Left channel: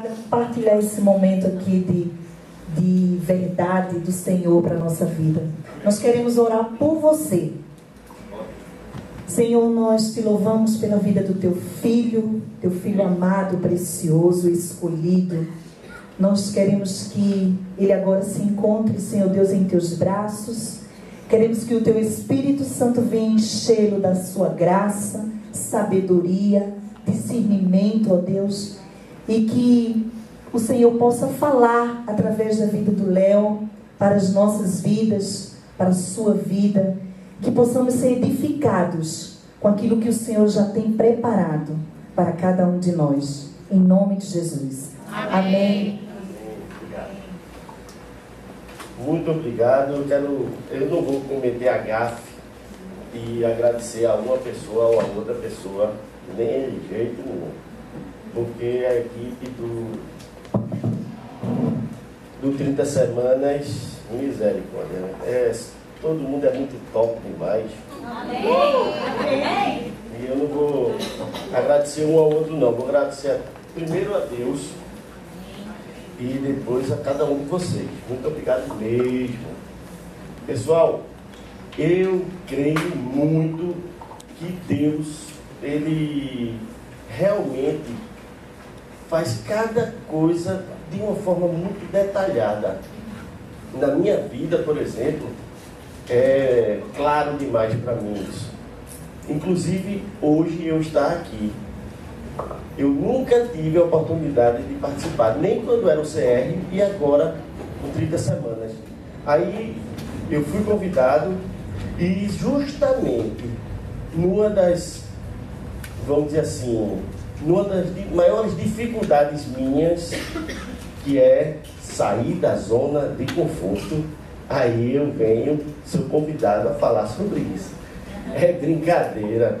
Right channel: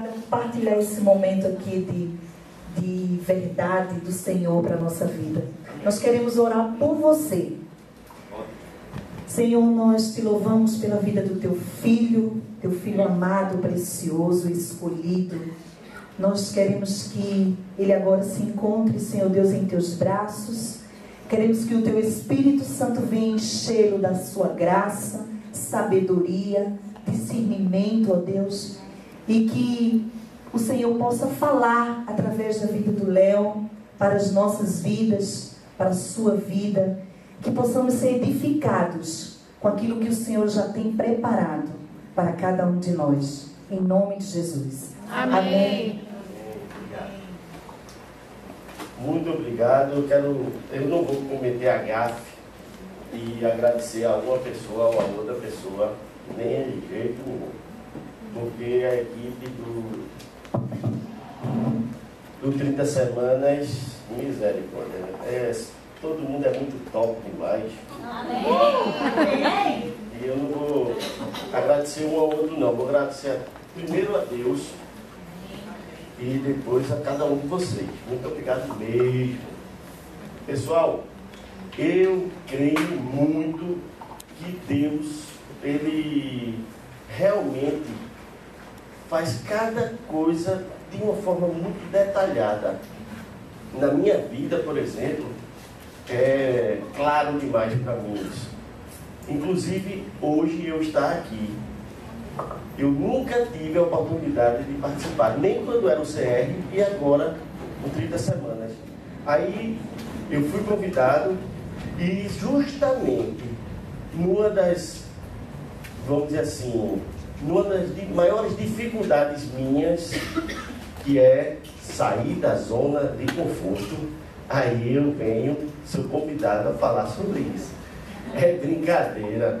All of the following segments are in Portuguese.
Compartilhar esse momento aqui de verdade do Senhor para a nossa vida. Nós queremos orar por você. Senhor, nós te louvamos pela vida do teu filho amado, precioso, escolhido. Nós queremos que ele agora se encontre, Senhor Deus, em teus braços. Queremos que o teu Espírito Santo venha enchê-lo da sua graça, sabedoria, discernimento, ó Deus, e que o Senhor possa falar através da vida do Léo para as nossas vidas, para a sua vida, que possamos ser edificados com aquilo que o Senhor já tem preparado para cada um de nós, em nome de Jesus. Amém. Amém. Muito obrigado. Eu não vou cometer a gafe e agradecer a uma pessoa ou a outra pessoa, nem de jeito nenhum, porque a equipe do 30 Semanas, misericórdia, todo mundo é muito top demais. Amém. E eu não vou agradecer um ao outro não, vou agradecer primeiro a Deus e depois a cada um de vocês. Muito obrigado mesmo. Pessoal, eu creio muito que Deus, Ele realmente faz cada coisa de uma forma muito detalhada. Na minha vida, por exemplo, é claro demais para mim isso. Inclusive, hoje eu estar aqui. Eu nunca tive a oportunidade de participar, nem quando era o CR e agora em 30 Semanas. Aí eu fui convidado e justamente numa das, vamos dizer assim, numa das maiores dificuldades minhas, que é sair da zona de conforto, aí eu sou convidado a falar sobre isso. É brincadeira.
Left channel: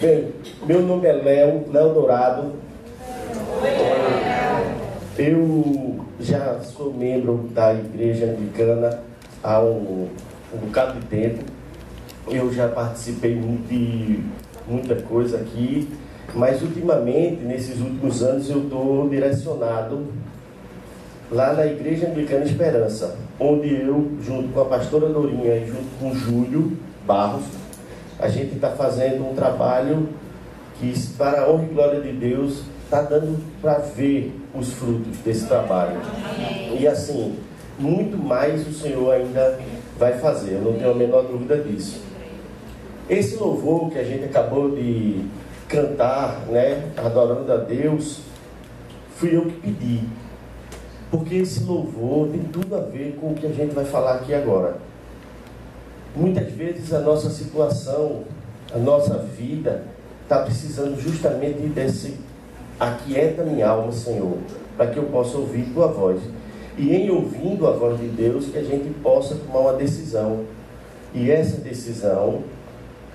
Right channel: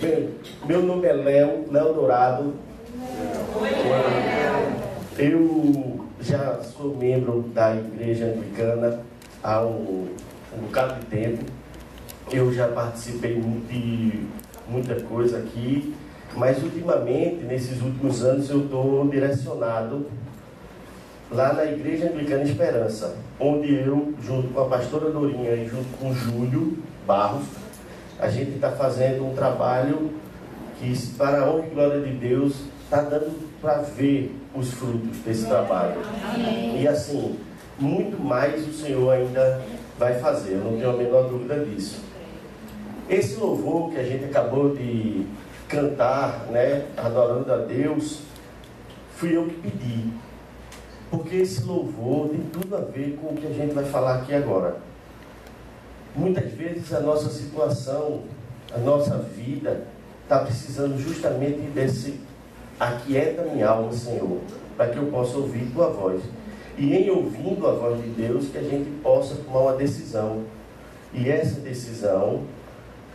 Bem, meu nome é Léo Dourado. Eu já sou membro da Igreja Anglicana há um bocado de tempo. Eu já participei de muita coisa aqui, mas ultimamente, nesses últimos anos, eu estou direcionado lá na Igreja Anglicana Esperança, onde eu, junto com a pastora Dorinha e junto com o Júlio Barros, a gente está fazendo um trabalho que, para a honra e glória de Deus, está dando para ver os frutos desse trabalho. E assim, muito mais o Senhor ainda vai fazer, eu não tenho a menor dúvida disso. Esse louvor que a gente acabou de cantar, né, adorando a Deus, fui eu que pedi. Porque esse louvor tem tudo a ver com o que a gente vai falar aqui agora. Muitas vezes a nossa situação, a nossa vida, está precisando justamente desse aquieta minha alma, Senhor, para que eu possa ouvir Tua voz. E em ouvindo a voz de Deus, que a gente possa tomar uma decisão. E essa decisão,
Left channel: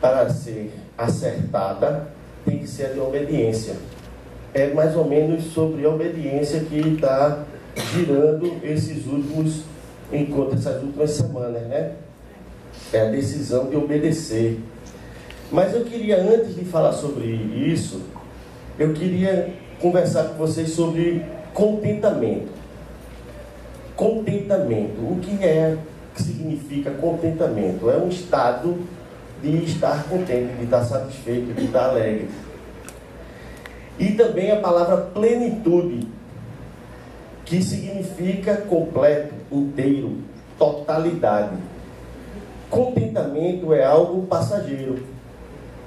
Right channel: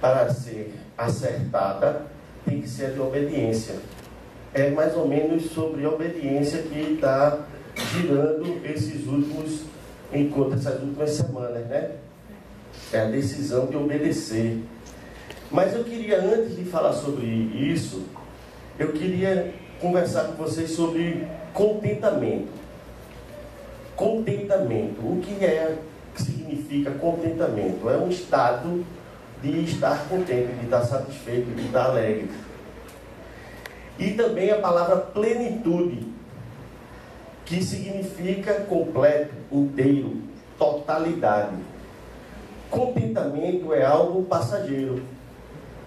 para ser acertada, tem que ser de obediência. É mais ou menos sobre a obediência que está girando esses últimos encontros, essas últimas semanas, né? É a decisão de obedecer. Mas eu queria, antes de falar sobre isso, eu queria conversar com vocês sobre contentamento. Contentamento. O que significa contentamento? É um estado de estar contente, de estar satisfeito, de estar alegre. E também a palavra plenitude, que significa completo, inteiro, totalidade. Contentamento é algo passageiro.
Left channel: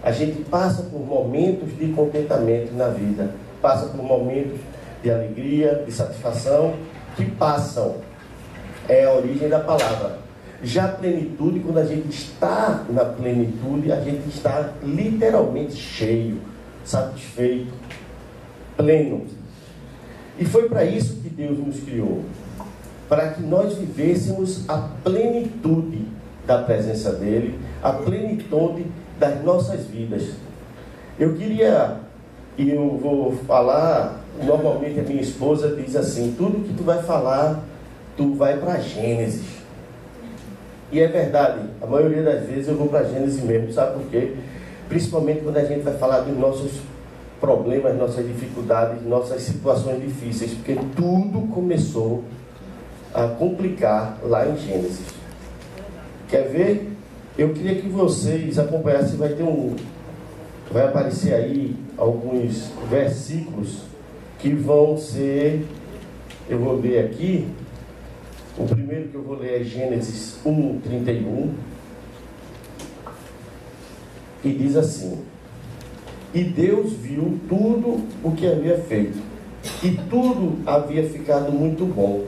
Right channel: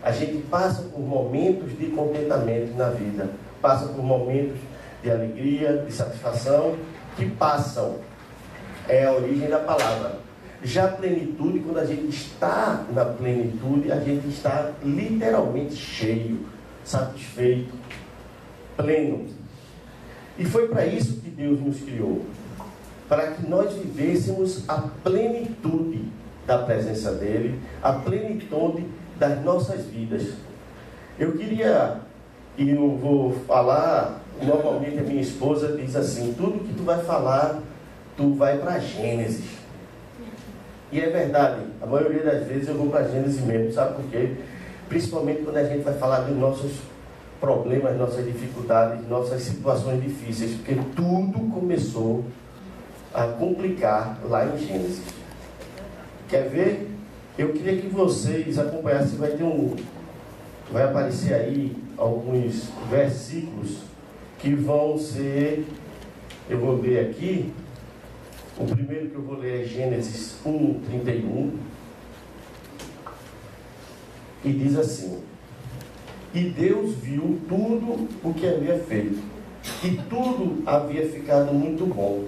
A gente passa por momentos de contentamento na vida, passa por momentos de alegria, de satisfação, que passam. É a origem da palavra. Já a plenitude, quando a gente está na plenitude, a gente está literalmente cheio, satisfeito, pleno. E foi para isso que Deus nos criou, para que nós vivêssemos a plenitude da presença dEle, a plenitude das nossas vidas. Eu queria, e eu vou falar, normalmente a minha esposa diz assim, tudo que tu vai falar, tu vai para Gênesis. E é verdade, a maioria das vezes eu vou para Gênesis mesmo, sabe por quê? Principalmente quando a gente vai falar dos nossos problemas, nossas dificuldades, nossas situações difíceis, porque tudo começou a complicar lá em Gênesis. Quer ver? Eu queria que vocês acompanhassem, vai aparecer aí alguns versículos que vão ser, eu vou ler aqui. O primeiro que eu vou ler é Gênesis 1:31, e diz assim: e Deus viu tudo o que havia feito, e tudo havia ficado muito bom.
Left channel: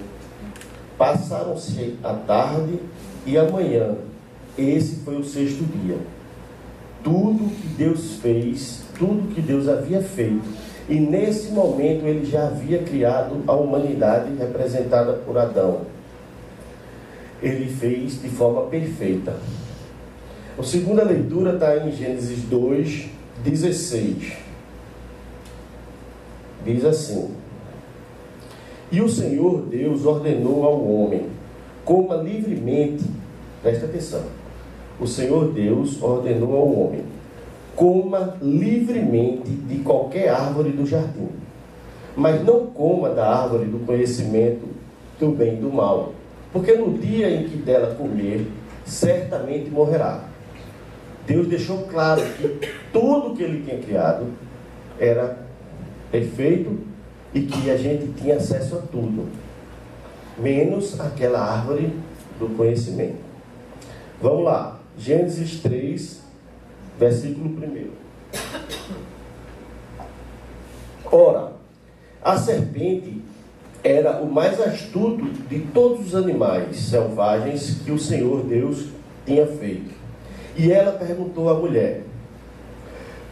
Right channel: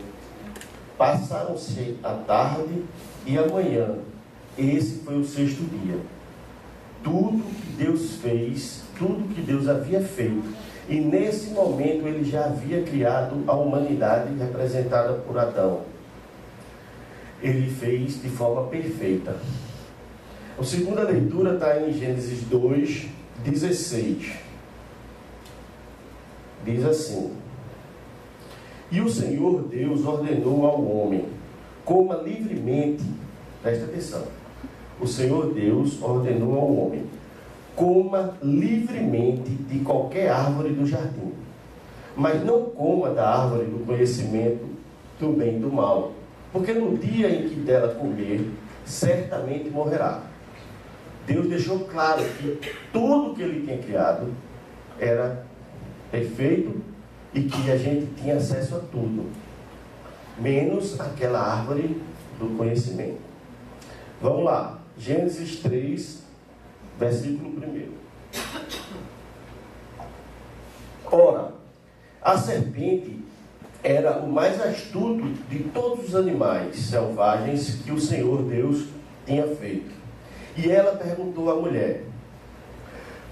Passaram-se a tarde e a manhã, esse foi o sexto dia. Tudo que Deus fez, tudo que Deus havia feito, e nesse momento ele já havia criado a humanidade representada por Adão. Ele fez de forma perfeita. A segunda leitura está em Gênesis 2:16. Diz assim: e o Senhor Deus ordenou ao homem, coma livremente, presta atenção, o Senhor Deus ordenou ao homem, coma livremente de qualquer árvore do jardim, mas não coma da árvore do conhecimento do bem e do mal, porque no dia em que dela comer, certamente morrerá. Deus deixou claro que tudo que ele tinha criado era perfeito e que a gente tinha acesso a tudo, menos aquela árvore do conhecimento. Vamos lá, Gênesis 3, versículo 1. Ora, a serpente era o mais astuto de todos os animais selvagens que o Senhor Deus tinha feito. E ela perguntou à mulher:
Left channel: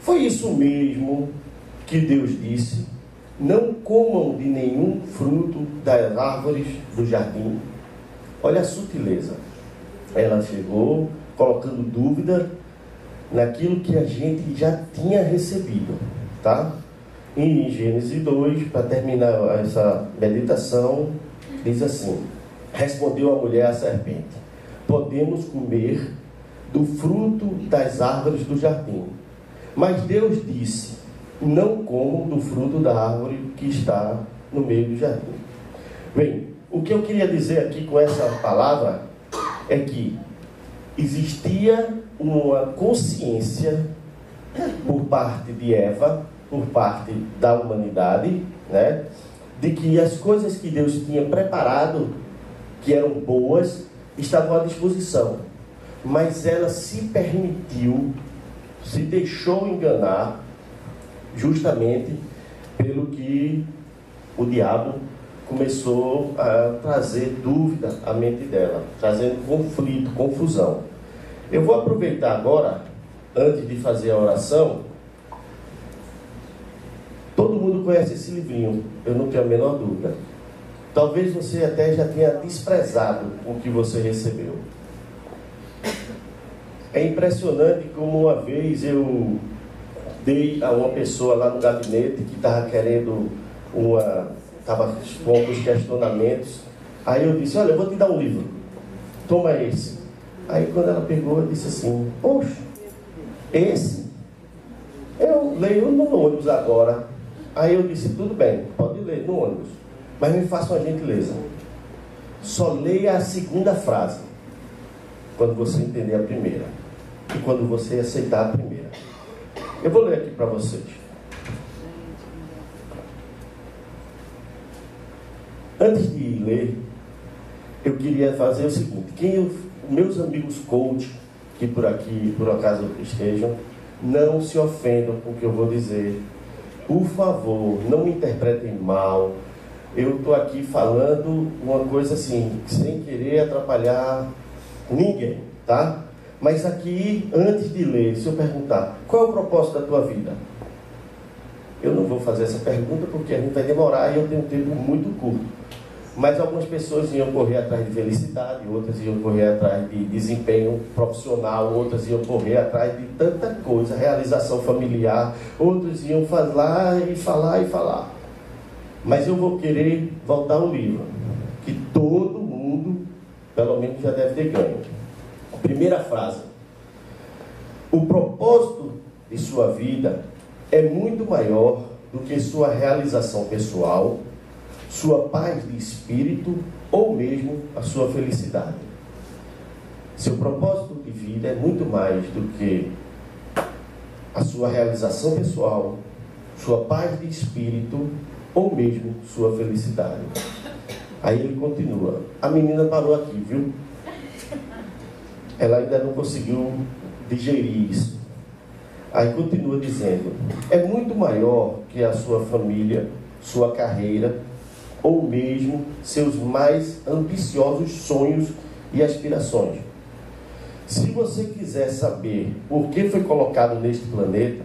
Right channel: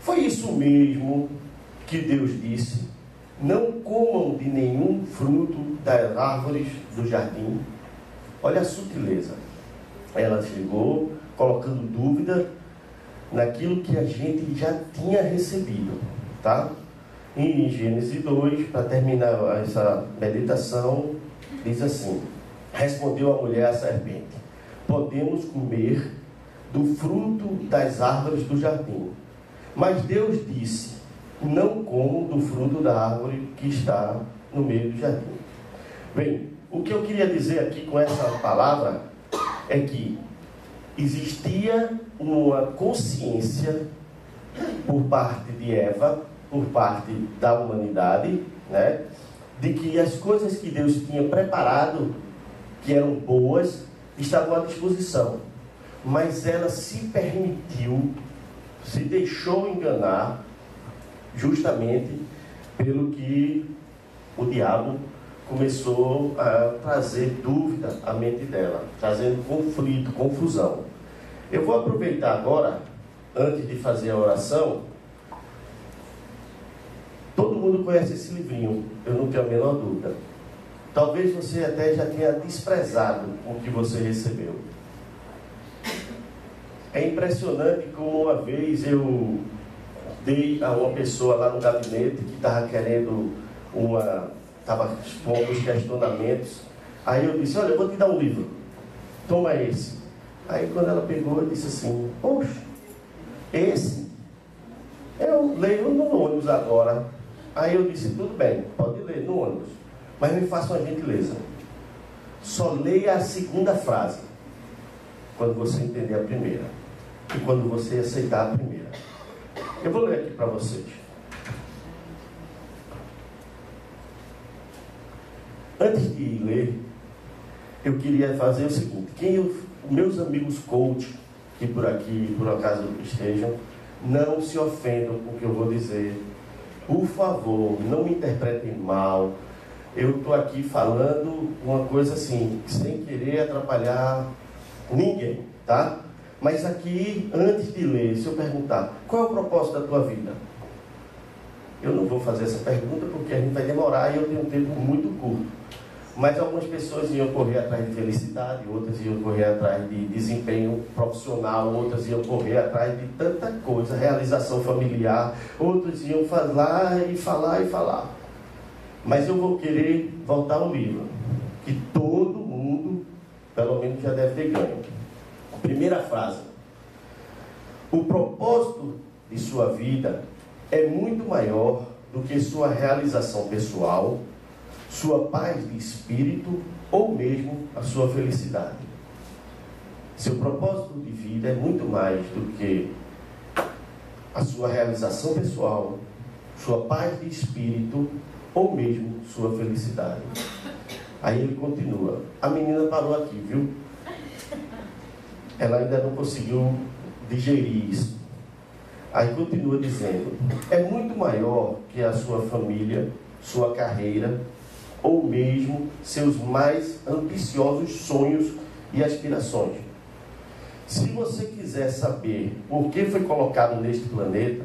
foi isso mesmo que Deus disse? Não comam de nenhum fruto das árvores do jardim? Olha a sutileza. Ela chegou colocando dúvida naquilo que a gente já tinha recebido, tá? E em Gênesis 2, para terminar essa meditação, diz assim: respondeu a mulher à serpente: podemos comer do fruto das árvores do jardim. Mas Deus disse: não comam do fruto da árvore que está no meio do jardim. Bem, o que eu queria dizer aqui com essa palavra é que existia uma consciência por parte de Eva, por parte da humanidade, né, de que as coisas que Deus tinha preparado, que eram boas, estavam à disposição. Mas ela se permitiu, se deixou enganar, justamente pelo que o diabo começou a trazer dúvida à mente dela, trazendo conflito, confusão. Eu vou aproveitar agora, antes de fazer a oração. Todo mundo conhece esse livrinho, eu não tenho a menor dúvida. Talvez você até já tenha desprezado o que você recebeu. É impressionante como uma vez eu dei a uma pessoa lá no gabinete que estava querendo estava expondo os questionamentos. Aí eu disse: olha, eu vou te dar um livro, toma esse. Aí quando ela pegou, eu disse assim: poxa, esse eu leio no ônibus agora. Aí eu disse: tudo bem, pode ler no ônibus, mas me faça uma gentileza, só leia a segunda frase quando você entender a primeira e quando você aceitar a primeira. Eu vou ler aqui para vocês. Antes de ler, eu queria fazer o seguinte: meus amigos coach, que por aqui, por acaso estejam, não se ofendam com o que eu vou dizer. Por favor, não me interpretem mal. Eu estou aqui falando uma coisa assim, sem querer atrapalhar ninguém, tá? Mas aqui, antes de ler, se eu perguntar: qual é o propósito da tua vida? Eu não vou fazer essa pergunta porque a gente vai demorar e eu tenho um tempo muito curto. Mas algumas pessoas iam correr atrás de felicidade, outras iam correr atrás de desempenho profissional, outras iam correr atrás de tanta coisa, realização familiar, outras iam falar e falar e falar. Mas eu vou querer voltar ao livro, que todo mundo, pelo menos, já deve ter ganho. Primeira frase: o propósito de sua vida é muito maior do que sua realização pessoal, sua paz de espírito ou mesmo a sua felicidade. Seu propósito de vida é muito mais do que a sua realização pessoal, sua paz de espírito ou mesmo sua felicidade. Aí ele continua. A menina parou aqui, viu? Ela ainda não conseguiu digerir isso. Aí continua dizendo: é muito maior que a sua família, sua carreira ou mesmo seus mais ambiciosos sonhos e aspirações. Se você quiser saber por que foi colocado neste planeta,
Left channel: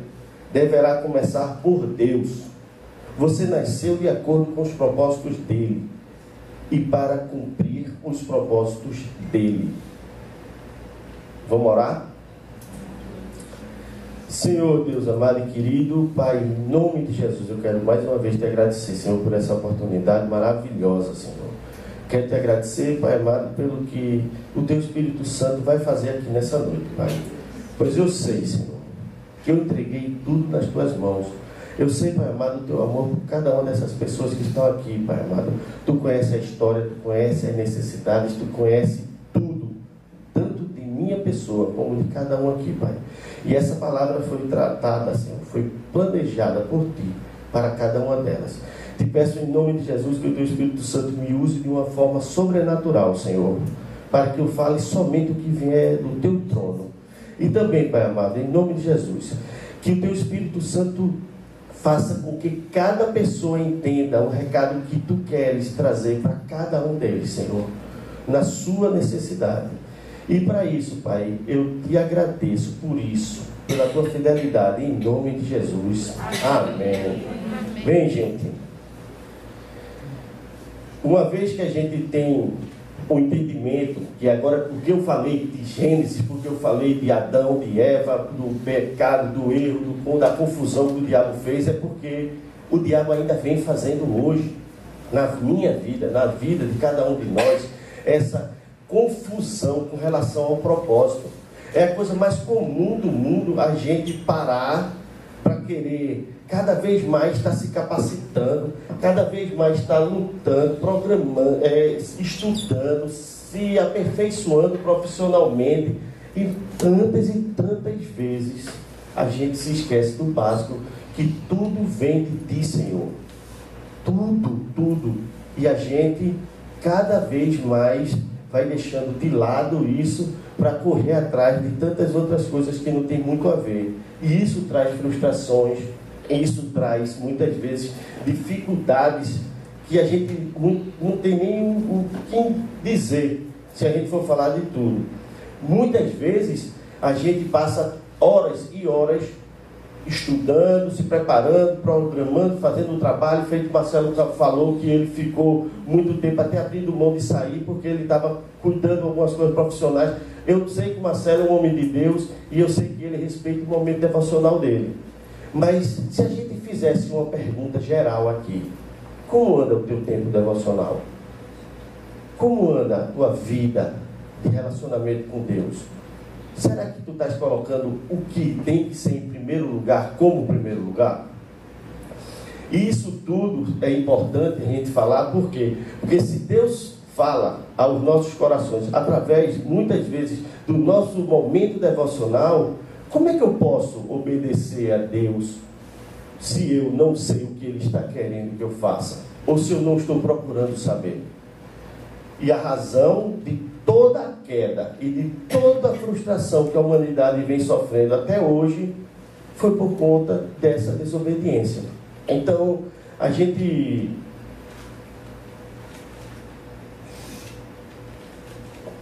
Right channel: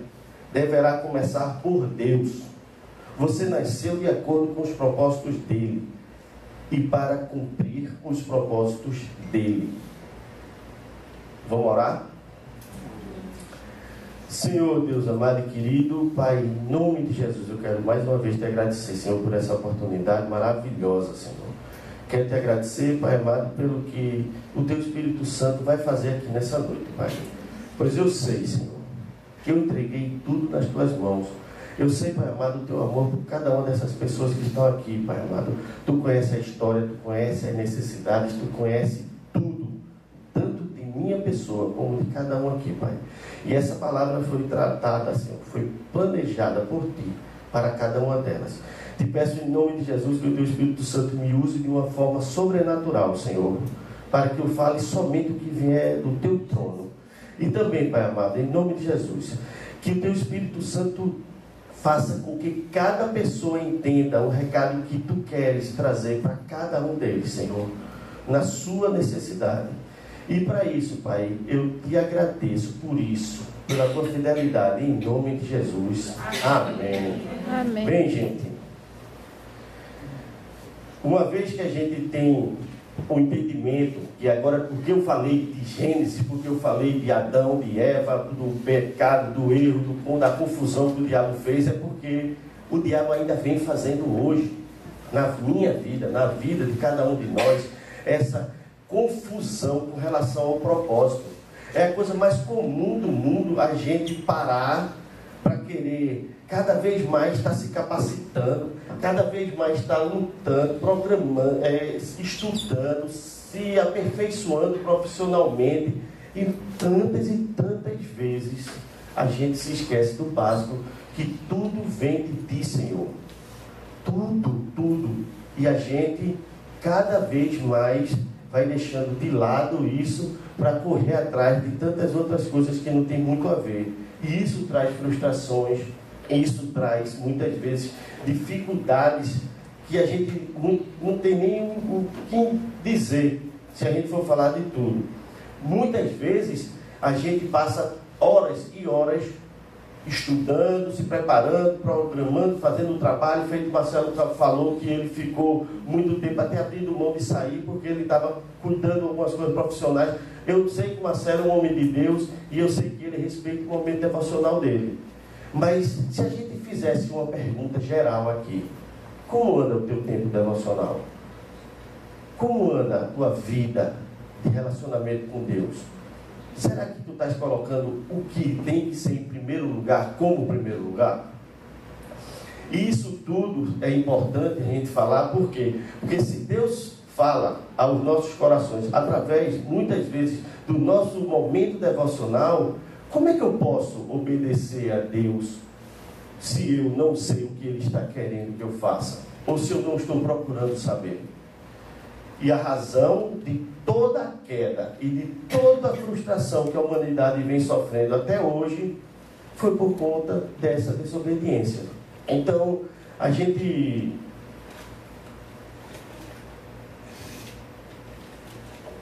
deverá começar por Deus. Você nasceu de acordo com os propósitos dele e para cumprir os propósitos dele. Vamos orar? Senhor Deus amado e querido, Pai, em nome de Jesus, eu quero mais uma vez te agradecer, Senhor, por essa oportunidade maravilhosa, Senhor. Quero te agradecer, Pai amado, pelo que o Teu Espírito Santo vai fazer aqui nessa noite, Pai. Pois eu sei, Senhor, que eu entreguei tudo nas Tuas mãos. Eu sei, Pai amado, o Teu amor por cada uma dessas pessoas que estão aqui, Pai amado. Tu conhece a história, Tu conhece as necessidades, Tu conhece tudo, tanto de minha pessoa como de cada um aqui, Pai. E essa palavra foi tratada, Senhor, foi planejada por Ti, para cada uma delas. Te peço em nome de Jesus que o Teu Espírito Santo me use de uma forma sobrenatural, Senhor, para que eu fale somente o que vier do Teu trono. E também, Pai amado, em nome de Jesus, que o Teu Espírito Santo faça com que cada pessoa entenda o recado que Tu queres trazer para cada um deles, Senhor, na sua necessidade. E para isso, Pai, eu te agradeço por isso, pela Tua fidelidade, em nome de Jesus. Amém. Amém. Bem, gente, uma vez que a gente tem o entendimento que agora, porque eu falei de Gênesis, porque eu falei de Adão, de Eva, do pecado, do erro, da confusão que o diabo fez, é porque o diabo ainda vem fazendo hoje, na minha vida, na vida de cada um de nós, essa confusão com relação ao propósito. É a coisa mais comum do mundo a gente parar para querer cada vez mais estar se capacitando, cada vez mais estar lutando, programando, estudando, se aperfeiçoando profissionalmente. E tantas vezes a gente se esquece do básico, que tudo vem de Ti, Senhor. Tudo. E a gente cada vez mais vai deixando de lado isso para correr atrás de tantas outras coisas que não tem muito a ver. E isso traz frustrações, isso traz muitas vezes dificuldades que a gente não tem nem o que dizer, se a gente for falar de tudo. Muitas vezes a gente passa horas e horas estudando, se preparando, programando, fazendo o trabalho, feito o Marcelo falou que ele ficou muito tempo até abrindo mão de sair, porque ele estava cuidando de algumas coisas profissionais. Eu sei que o Marcelo é um homem de Deus, e eu sei que ele respeita o momento devocional dele. Mas se a gente fizesse uma pergunta geral aqui: como anda o teu tempo devocional? Como anda a tua vida de relacionamento com Deus? Será que tu estás colocando o que tem que ser em primeiro lugar como primeiro lugar? E isso tudo é importante a gente falar, por quê? Porque se Deus fala aos nossos corações através, muitas vezes, do nosso momento devocional, como é que eu posso obedecer a Deus se eu não sei o que Ele está querendo que eu faça? Ou se eu não estou procurando saber? E a razão de toda a queda e de toda a frustração que a humanidade vem sofrendo até hoje foi por conta dessa desobediência. Então, a gente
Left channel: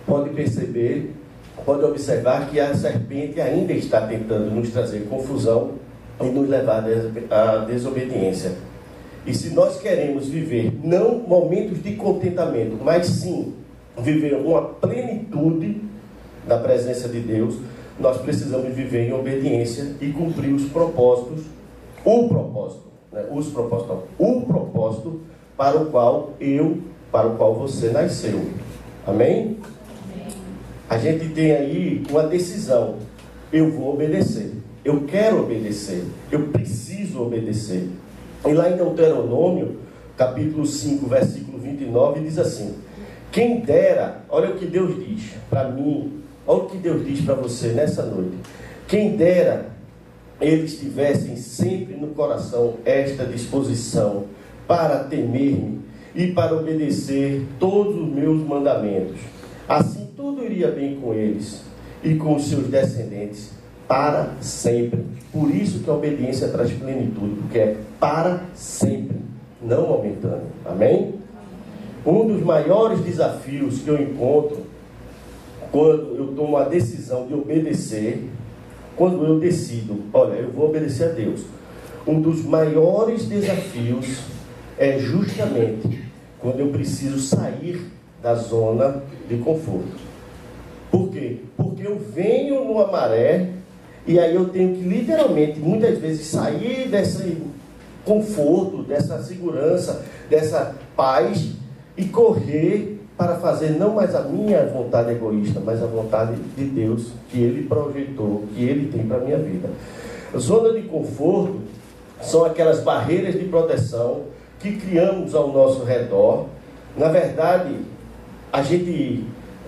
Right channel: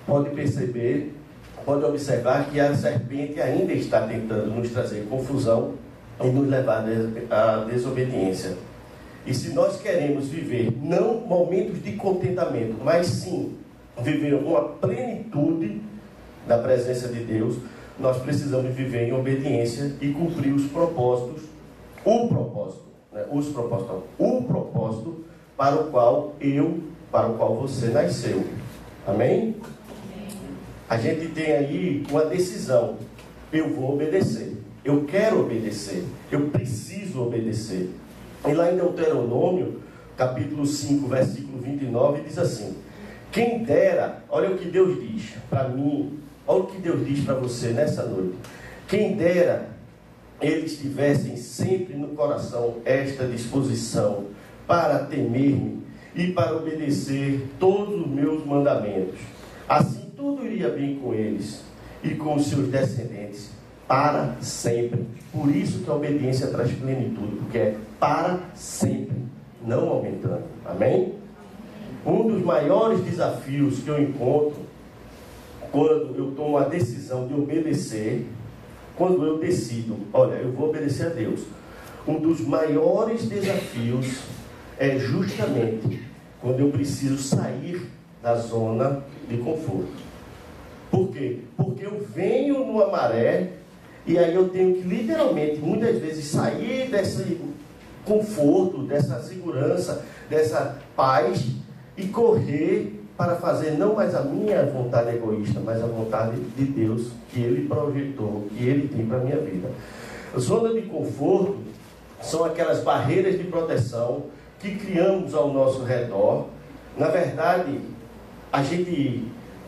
pode perceber, pode observar que a serpente ainda está tentando nos trazer confusão ou nos levar à desobediência. E se nós queremos viver não momentos de contentamento, mas sim viver uma plenitude da presença de Deus, nós precisamos viver em obediência e cumprir os propósitos, o propósito para o qual você nasceu. Amém? A gente tem aí uma decisão: eu vou obedecer, eu quero obedecer, eu preciso preciso obedecer. E lá em Deuteronômio, capítulo 5, versículo 29, diz assim: quem dera, olha o que Deus diz para mim, olha o que Deus diz para você nessa noite. Quem dera eles tivessem sempre no coração esta disposição para temer-me e para obedecer todos os meus mandamentos. Assim tudo iria bem com eles e com os seus descendentes para sempre. Por isso que a obediência traz plenitude, porque é para sempre, não aumentando. Amém? Um dos maiores desafios que eu encontro quando eu tomo a decisão de obedecer, quando eu decido, olha, eu vou obedecer a Deus, um dos maiores desafios é justamente quando eu preciso sair da zona de conforto. Por quê? Porque eu venho numa maré e aí eu tenho que literalmente, muitas vezes, sair desse conforto, dessa segurança, dessa paz e correr para fazer não mais a minha vontade egoísta, mas a vontade de Deus que Ele projetou, que Ele tem para a minha vida. A zona de conforto são aquelas barreiras de proteção que criamos ao nosso redor. Na verdade,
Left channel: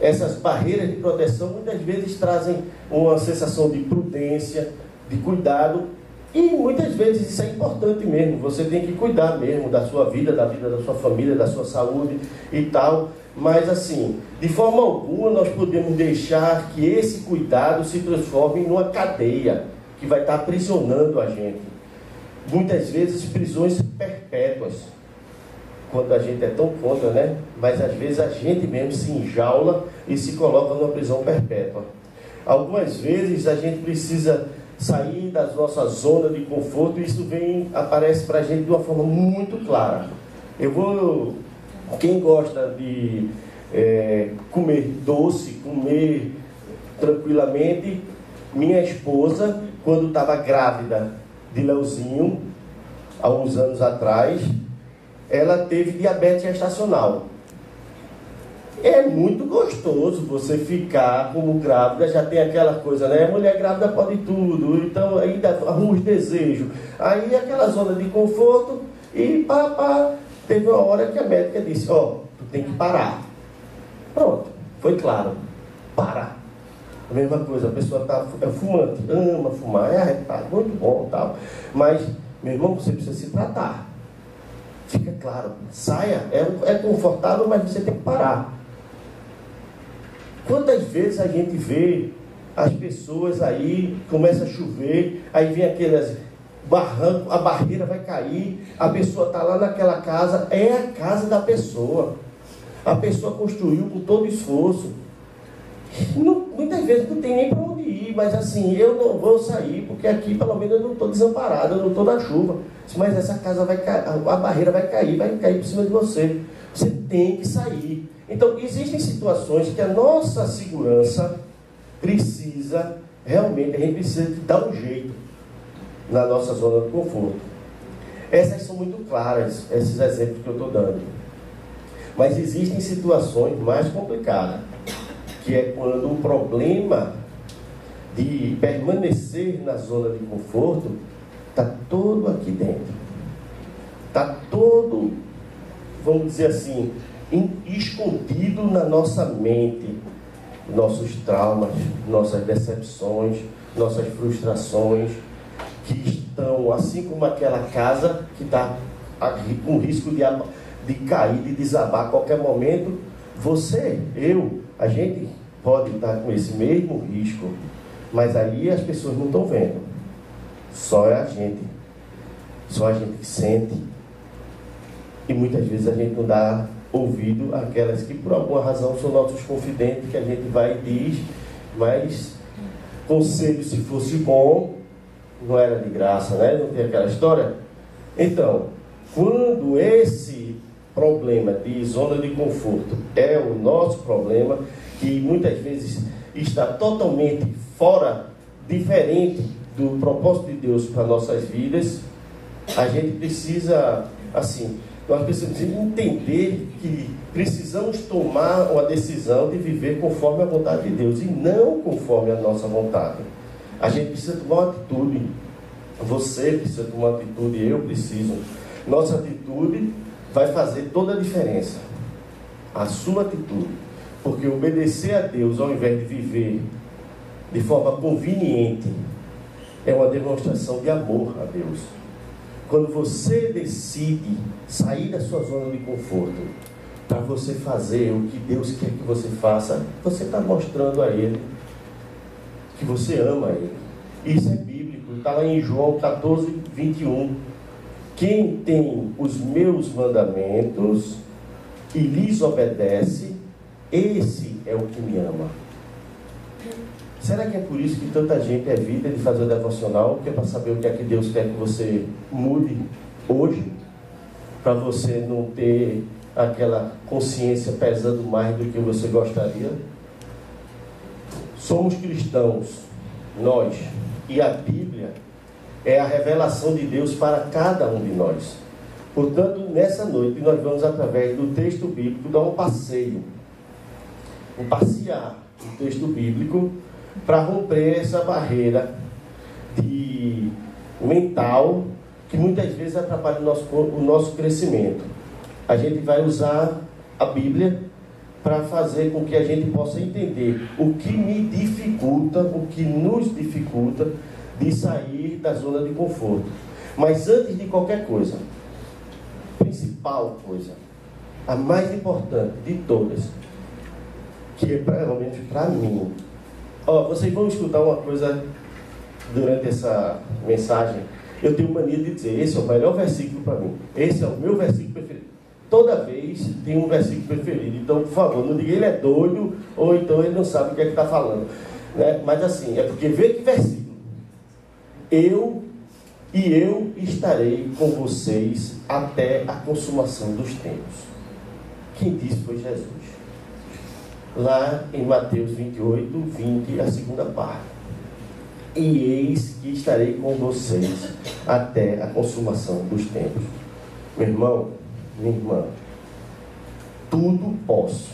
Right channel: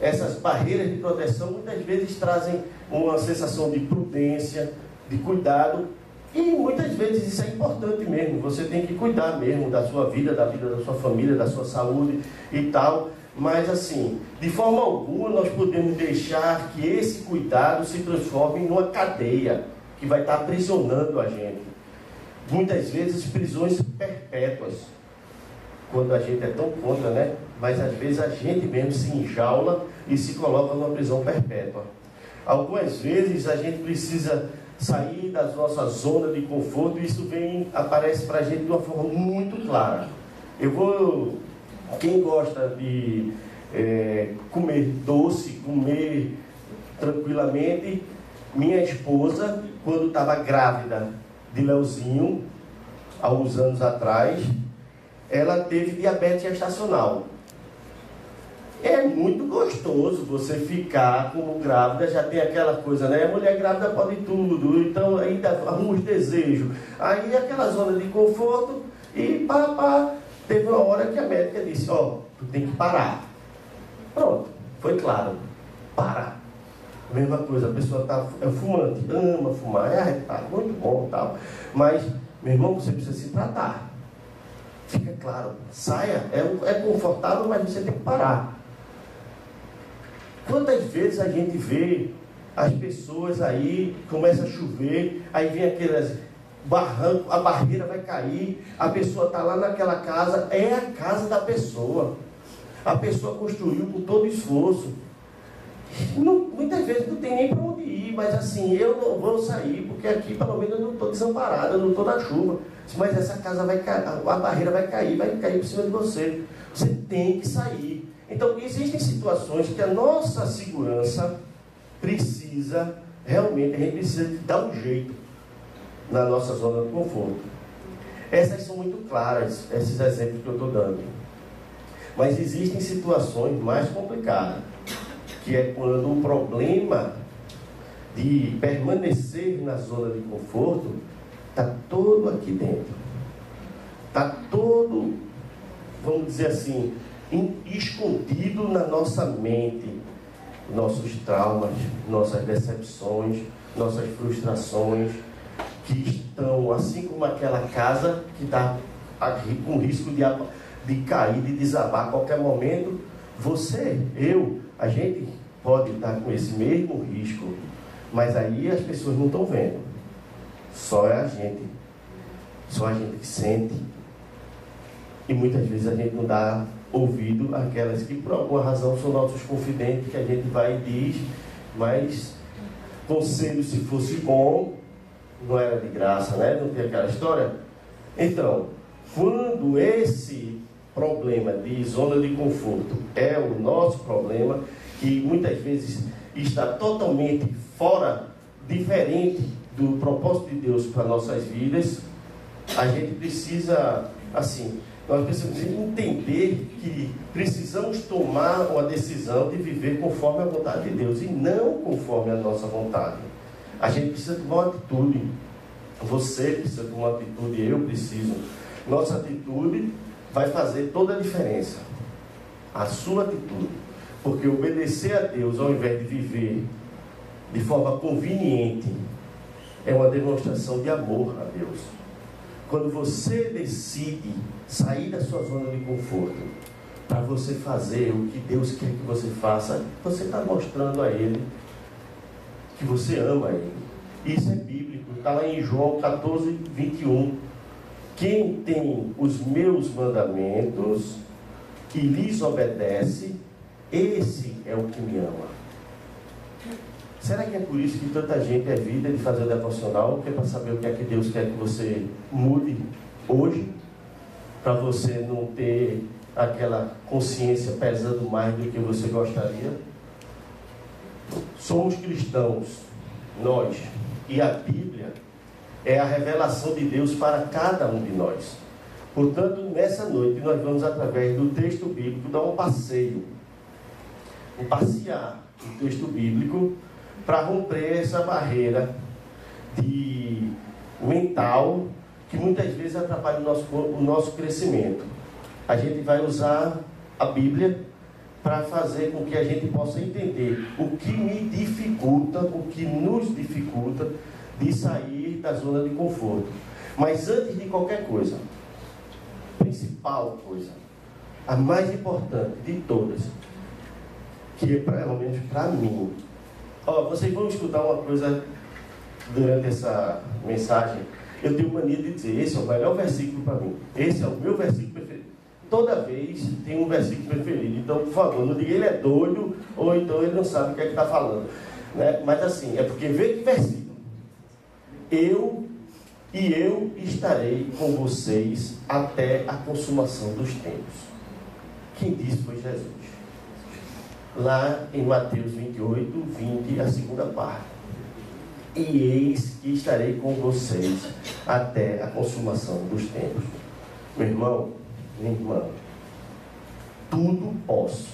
essas barreiras de proteção muitas vezes trazem uma sensação de prudência, de cuidado, e muitas vezes isso é importante mesmo. Você tem que cuidar mesmo da sua vida, da vida da sua família, da sua saúde e tal. Mas assim, de forma alguma nós podemos deixar que esse cuidado se transforme numa cadeia que vai estar aprisionando a gente. Muitas vezes prisões perpétuas, quando a gente é tão contra, né? Mas às vezes a gente mesmo se enjaula e se coloca numa prisão perpétua. Algumas vezes a gente precisa sair da nossa zona de conforto, e isso aparece para a gente de uma forma muito clara. Quem gosta de comer doce, comer tranquilamente, minha esposa, quando estava grávida de Leozinho, há uns anos atrás, ela teve diabetes gestacional. É muito gostoso você ficar como grávida, já tem aquela coisa, né? A mulher grávida pode tudo, então aí arruma os desejos. Aí aquela zona de conforto e teve uma hora que a médica disse, tu tem que parar. Pronto, foi claro, parar. A mesma coisa, a pessoa está fumante, ama fumar, muito bom e tal. Mas, meu irmão, você precisa se tratar. Fica claro, saia, é confortável, mas você tem que parar. Quantas vezes a gente vê as pessoas aí, começa a chover, aí vem aqueles barrancos, a barreira vai cair, a pessoa está lá naquela casa, é a casa da pessoa. A pessoa construiu com todo esforço. Muitas vezes não tem nem para onde ir, mas assim, eu não vou sair, porque aqui pelo menos eu não estou desamparado, eu não estou na chuva. Mas essa casa vai cair, a barreira vai cair por cima de você. Você tem que sair. Então, existem situações que a nossa segurança precisa, realmente, a gente precisa dar um jeito na nossa zona de conforto. Essas são muito claras, esses exemplos que eu estou dando. Mas existem situações mais complicadas, que é quando o problema de permanecer na zona de conforto está todo aqui dentro. Está todo, vamos dizer assim, escondido na nossa mente. Nossos traumas, nossas decepções, nossas frustrações, que estão, assim como aquela casa que está com risco de cair, de desabar a qualquer momento. A gente pode estar com esse mesmo risco, mas aí as pessoas não estão vendo. Só a gente que sente. E muitas vezes a gente não dá ouvido àquelas que por alguma razão são nossos confidentes, que a gente vai e diz, mas conselho, se fosse bom, não era de graça, né? Não tem aquela história? Então, quando esse problema de zona de conforto é o nosso problema, que muitas vezes está totalmente fora, diferente do propósito de Deus para nossas vidas, a gente precisa, assim, nós precisamos entender que precisamos tomar uma decisão de viver conforme a vontade de Deus e não conforme a nossa vontade. A gente precisa tomar uma atitude. Você precisa de uma atitude, eu preciso. Nossa atitude vai fazer toda a diferença. A sua atitude. Porque obedecer a Deus ao invés de viver de forma conveniente é uma demonstração de amor a Deus. Quando você decide sair da sua zona de conforto para você fazer o que Deus quer que você faça, você está mostrando a Ele que você ama Ele. Isso é bíblico, está lá em João 14, 21. Quem tem os meus mandamentos e lhes obedece, esse é o que me ama. Será que é por isso que tanta gente evita de fazer devocional? Que é para saber o que é que Deus quer que você mude hoje? Para você não ter aquela consciência pesando mais do que você gostaria? Somos cristãos, nós, e a Bíblia é a revelação de Deus para cada um de nós. Portanto, nessa noite nós vamos, através do texto bíblico, dar um passeio, passear no texto bíblico para romper essa barreira mental que muitas vezes atrapalha o nosso crescimento. A gente vai usar a Bíblia para fazer com que a gente possa entender o que me dificulta, o que nos dificulta de sair da zona de conforto. Mas antes de qualquer coisa, principal coisa, a mais importante de todas, que é pelo menos para mim. Vocês vão escutar uma coisa durante essa mensagem. Eu tenho mania de dizer, esse é o melhor versículo para mim. Esse é o meu versículo preferido. Toda vez tem um versículo preferido. Então, por favor, não diga ele é doido, ou então ele não sabe o que é que está falando. Né? Mas assim, é porque vê que versículo. Eu estarei com vocês até a consumação dos tempos. Quem disse foi Jesus. Lá em Mateus 28, 20, a segunda parte. E eis que estarei com vocês até a consumação dos tempos. Meu irmão, minha irmã, tudo posso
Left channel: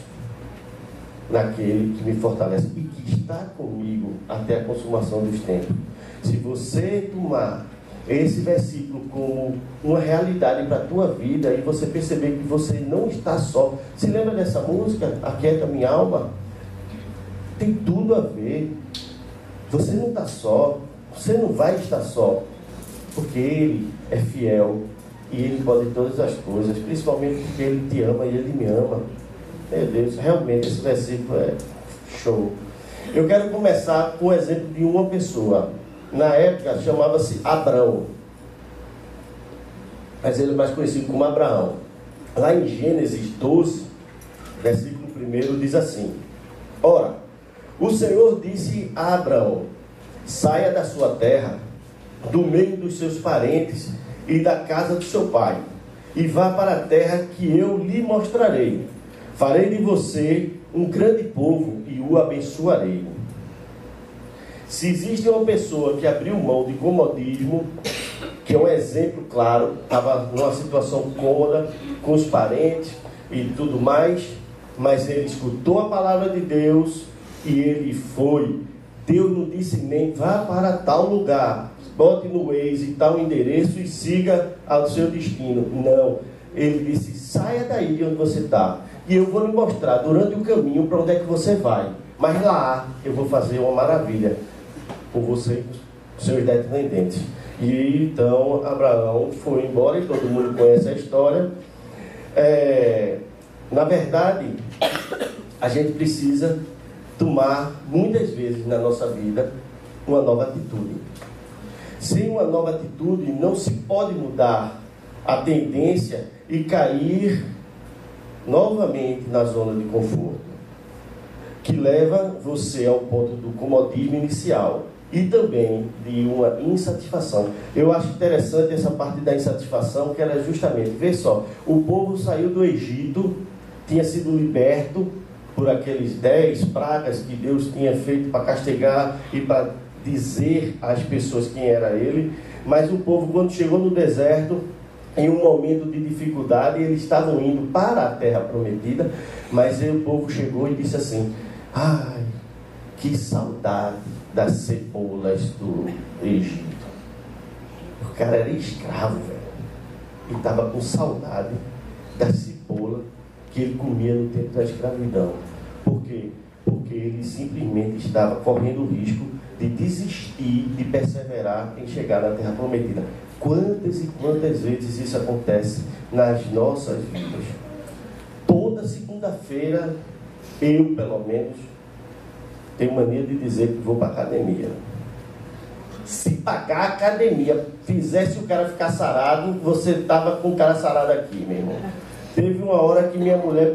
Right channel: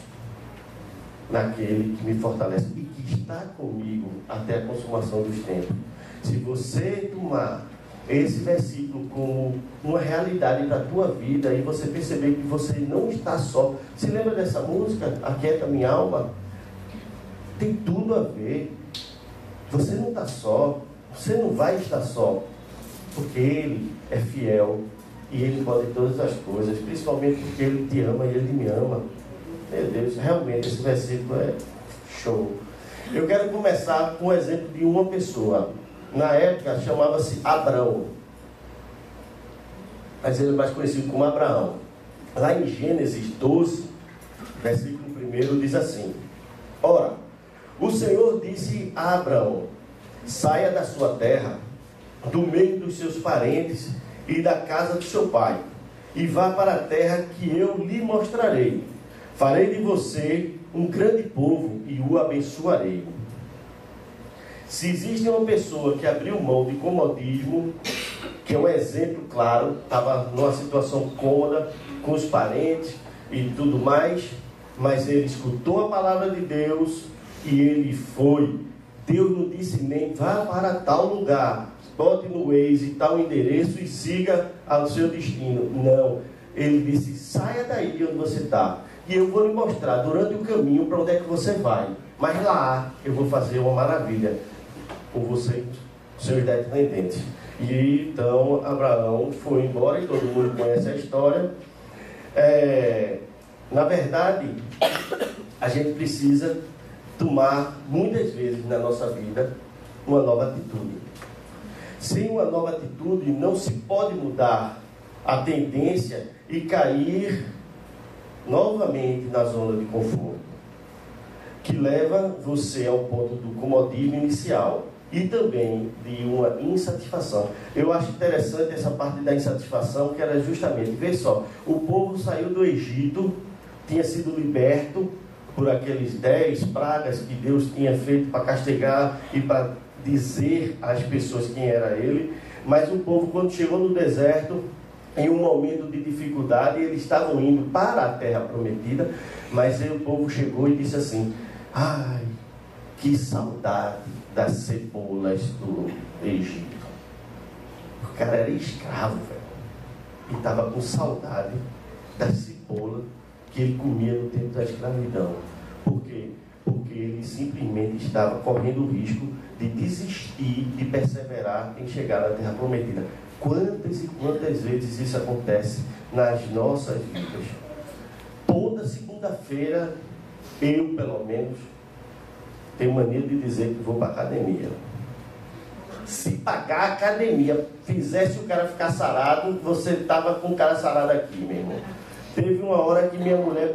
naquele que me fortalece e que está comigo até a consumação dos tempos. Se você tomar esse versículo como uma realidade para a tua vida e você perceber que você não está só. Se lembra dessa música, Aquieta Minha Alma? Tem tudo a ver. Você não está só, você não vai estar só, porque Ele é fiel e Ele pode todas as coisas, principalmente porque Ele te ama e Ele me ama. Meu Deus, realmente esse versículo é show. Eu quero começar com o exemplo de uma pessoa. Na época chamava-se Abrão, mas ele é mais conhecido como Abraão. Lá em Gênesis 12, versículo 1, diz assim: Ora, o Senhor disse a Abraão: saia da sua terra, do meio dos seus parentes e da casa de seu pai, e vá para a terra que eu lhe mostrarei. Farei de você um grande povo e o abençoarei. Se existe uma pessoa que abriu mão de comodismo, que é um exemplo claro, estava numa situação cômoda com os parentes e tudo mais, mas ele escutou a palavra de Deus e ele foi. Deus não disse nem vá para tal lugar, bote no Waze tal endereço e siga ao seu destino. Não, ele disse: saia daí de onde você está e eu vou lhe mostrar durante o caminho para onde é que você vai, mas lá eu vou fazer uma maravilha com você, seus descendentes. E então Abraão foi embora e todo mundo conhece a história. Na verdade, a gente precisa tomar muitas vezes na nossa vida uma nova atitude. Sem uma nova atitude não se pode mudar a tendência e cair novamente na zona de conforto, que leva você ao ponto do comodismo inicial e também de uma insatisfação. Eu acho interessante essa parte da insatisfação, que era justamente, vê só, o povo saiu do Egito, tinha sido liberto por aqueles 10 pragas que Deus tinha feito para castigar e para dizer às pessoas quem era ele, mas o povo, quando chegou no deserto, em um momento de dificuldade, eles estavam indo para a terra prometida, mas aí o povo chegou e disse assim: ai, que saudade das cebolas do Egito. O cara era escravo, velho. E estava com saudade da cebola que ele comia no tempo da escravidão. Por quê? Porque ele simplesmente estava correndo o risco de desistir, de perseverar em chegar na Terra Prometida. Quantas e quantas vezes isso acontece nas nossas vidas? Toda segunda-feira, eu, pelo menos, tenho mania de dizer que vou para a academia. Se pagar a academia fizesse o cara ficar sarado, você estava com o cara sarado aqui, meu irmão. Teve uma hora que minha mulher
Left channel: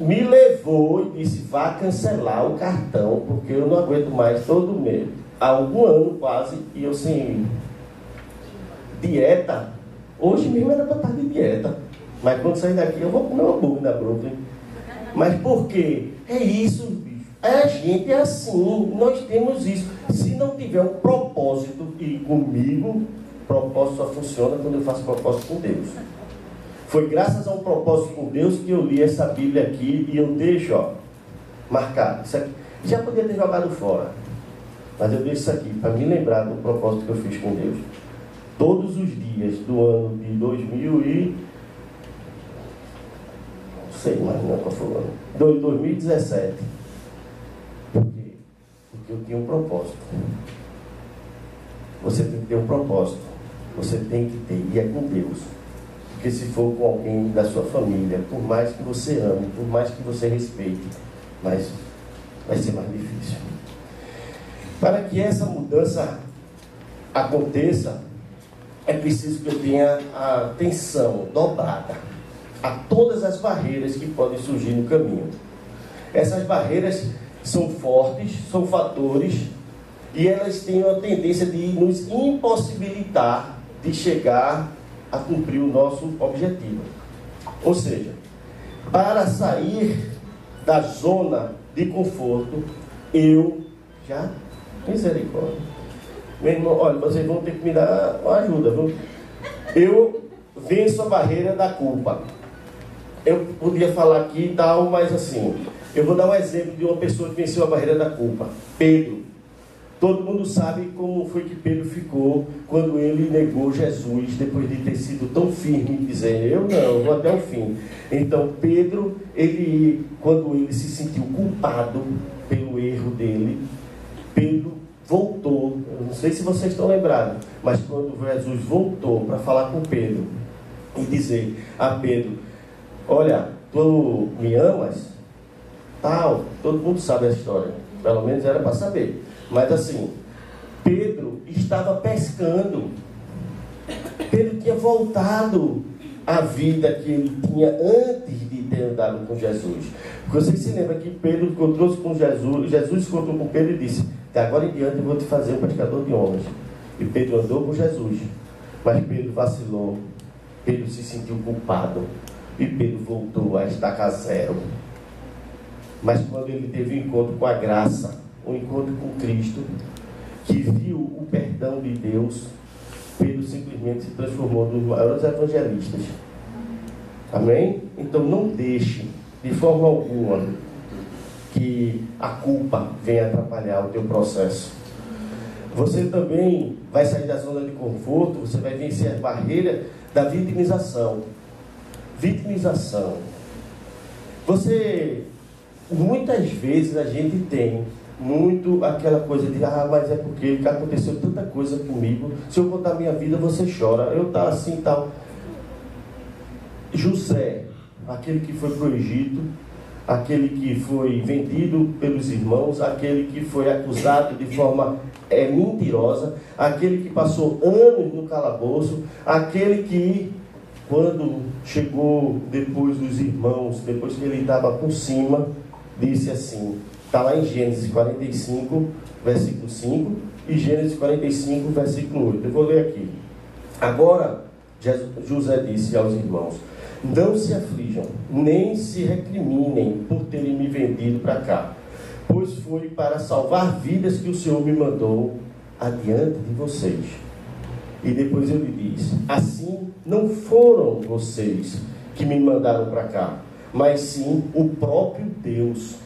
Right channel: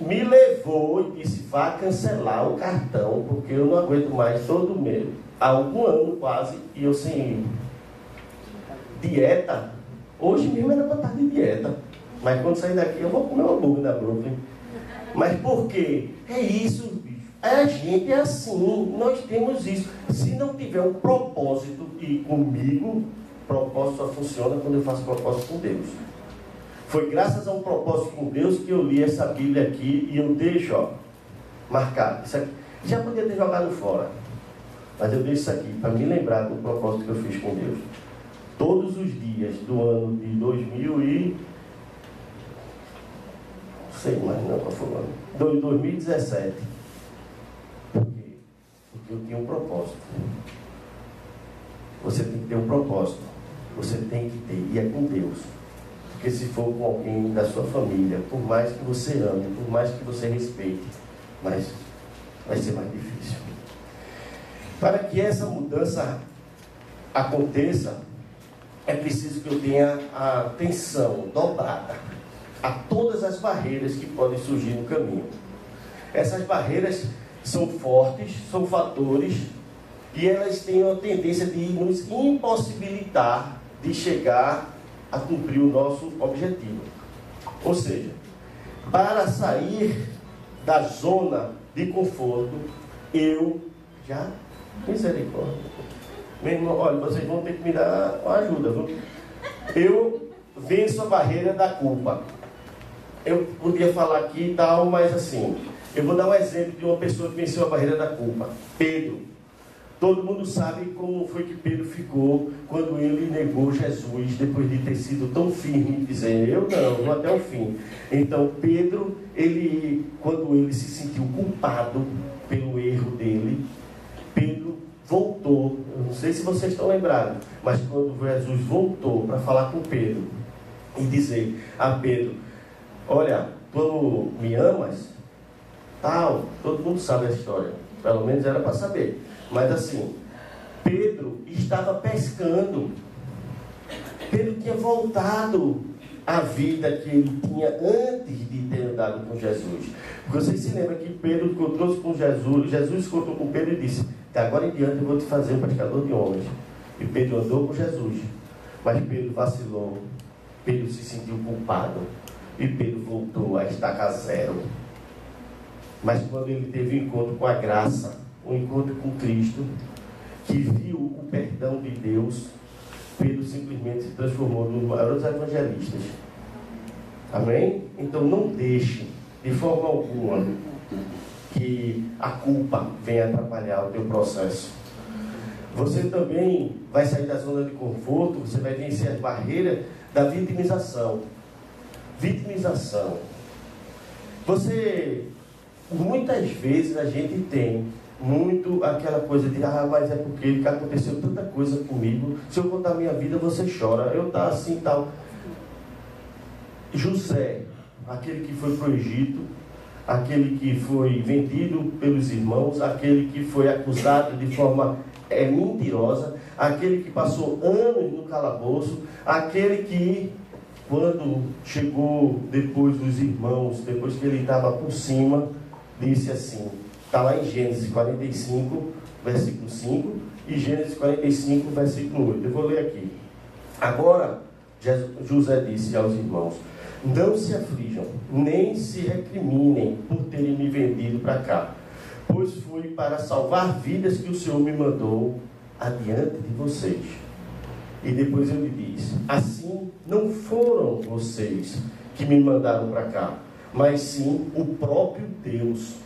me levou e disse, vá cancelar o cartão, porque eu não aguento mais todo mês. Há algum ano quase, e eu sem dieta. Hoje mesmo era para estar de dieta. Mas quando sair daqui eu vou comer um hambúrguer na Brooklyn. Mas por quê? É isso, bicho. A gente é assim, nós temos isso. Se não tiver um propósito, e comigo, propósito só funciona quando eu faço propósito com Deus. Foi graças a um propósito com Deus que eu li essa Bíblia aqui e eu deixo, marcado. Isso aqui. Já podia ter jogado fora, mas eu deixo isso aqui para me lembrar do propósito que eu fiz com Deus. Todos os dias do ano de 2017. Por quê? Porque eu tinha um propósito. Você tem que ter um propósito. Você tem que ter, e é com Deus. Porque se for com alguém da sua família, por mais que você ame, por mais que você respeite, mas vai ser mais difícil. Para que essa mudança aconteça, é preciso que eu tenha a atenção dobrada a todas as barreiras que podem surgir no caminho. Essas barreiras são fortes, são fatores, e elas têm a tendência de nos impossibilitar de chegar a cumprir o nosso objetivo. Ou seja, para sair da zona de conforto, misericórdia. Meu irmão, olha, vocês vão ter que me dar uma ajuda, viu? Eu venço a barreira da culpa. Eu podia falar aqui e tal, mas assim, eu vou dar um exemplo de uma pessoa que venceu a barreira da culpa. Pedro. Todo mundo sabe como foi que Pedro ficou quando ele negou Jesus, depois de ter sido tão firme, dizendo, eu não, vou até o fim. Então, Pedro, quando ele se sentiu culpado pelo erro dele, Pedro voltou. Eu não sei se vocês estão lembrados, mas quando Jesus voltou para falar com Pedro e dizer a Pedro, olha, tu me amas? Tal, todo mundo sabe a história, pelo menos era para saber. Mas assim, Pedro estava pescando. Pedro tinha voltado à vida que ele tinha antes de ter andado com Jesus. Vocês se lembram que Pedro encontrou-se com Jesus, Jesus encontrou com Pedro e disse, de agora em diante eu vou te fazer um pescador de homens. E Pedro andou com Jesus, mas Pedro vacilou, Pedro se sentiu culpado, e Pedro voltou a estaca zero. Mas quando ele teve um encontro com a graça, um encontro com Cristo, que viu o perdão de Deus, Pedro simplesmente se transformou nos maiores evangelistas. Amém? Então não deixe de forma alguma que a culpa venha atrapalhar o teu processo. Você também vai sair da zona de conforto, você vai vencer as barreiras da vitimização. Vitimização. Muitas vezes a gente tem muito aquela coisa de, mas é porque aconteceu tanta coisa comigo, se eu contar minha vida você chora, eu tá assim e tal. José, aquele que foi para o Egito, aquele que foi vendido pelos irmãos, aquele que foi acusado de forma mentirosa, aquele que passou anos no calabouço, aquele que, quando chegou depois dos irmãos, depois que ele estava por cima, disse assim, está lá em Gênesis 45, versículo 5, e Gênesis 45, versículo 8. Eu vou ler aqui. Agora, José disse aos irmãos, não se aflijam, nem se recriminem por terem me vendido para cá, pois foi para salvar vidas que o Senhor me mandou adiante de vocês. E depois ele diz, assim não foram vocês que me mandaram para cá, mas sim o próprio Deus.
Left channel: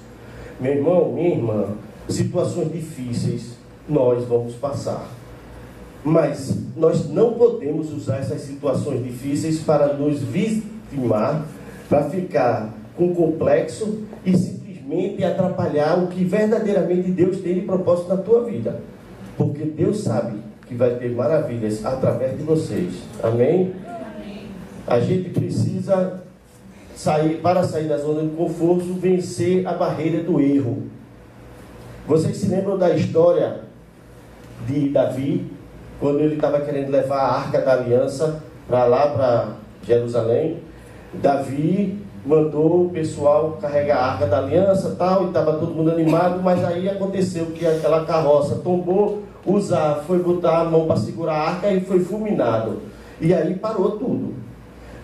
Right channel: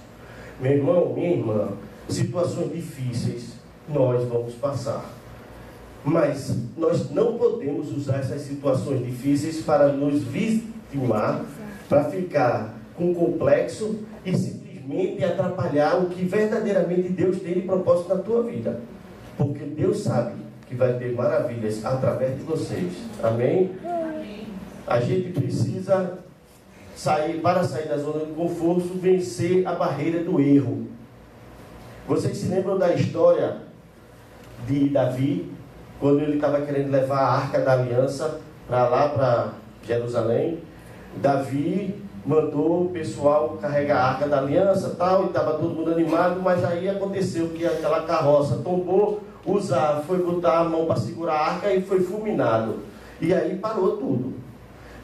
Meu irmão, minha irmã, situações difíceis nós vamos passar. Mas nós não podemos usar essas situações difíceis para nos vitimar, para ficar com complexo e simplesmente atrapalhar o que verdadeiramente Deus tem de propósito na tua vida. Porque Deus sabe que vai ter maravilhas através de vocês. Amém? A gente precisa para sair da zona de conforto, vencer a barreira do erro. Vocês se lembram da história de Davi, quando ele estava querendo levar a Arca da Aliança para lá, para Jerusalém? Davi mandou o pessoal carregar a Arca da Aliança tal, e estava todo mundo animado, mas aí aconteceu que aquela carroça tombou, Uzá foi botar a mão para segurar a arca e foi fulminado. E aí parou tudo.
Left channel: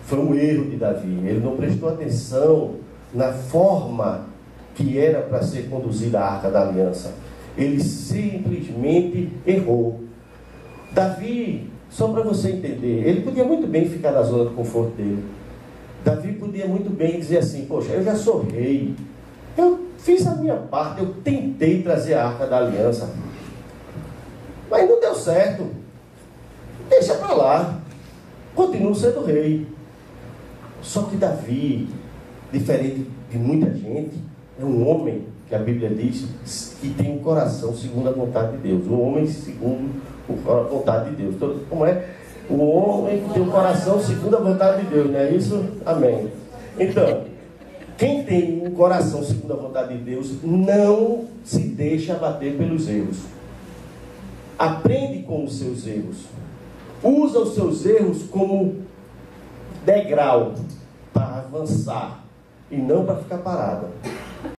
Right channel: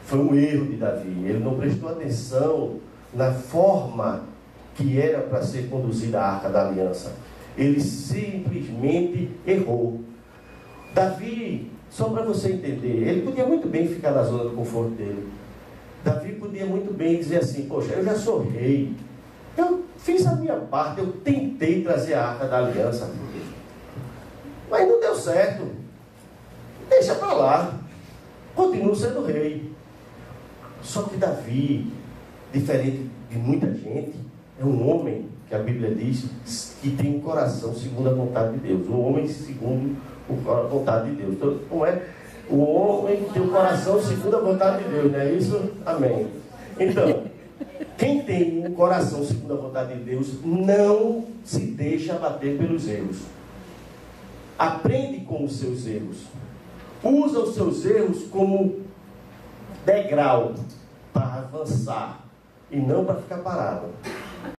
Foi um erro de Davi. Ele não prestou atenção na forma que era para ser conduzida a Arca da Aliança. Ele simplesmente errou. Davi, só para você entender, ele podia muito bem ficar na zona de conforto dele. Davi podia muito bem dizer assim: poxa, eu já sou rei, eu fiz a minha parte, eu tentei trazer a Arca da Aliança, mas não deu certo. Deixa para lá, continuo sendo rei. Só que Davi, diferente de muita gente, é um homem que a Bíblia diz que tem um coração segundo a vontade de Deus. Um homem segundo a vontade de Deus. Então, como é? O homem que tem o coração segundo a vontade de Deus, não é isso? Amém. Então, quem tem um coração segundo a vontade de Deus não se deixa abater pelos erros. Aprende com os seus erros. Usa os seus erros como degrau para avançar e não para ficar parado.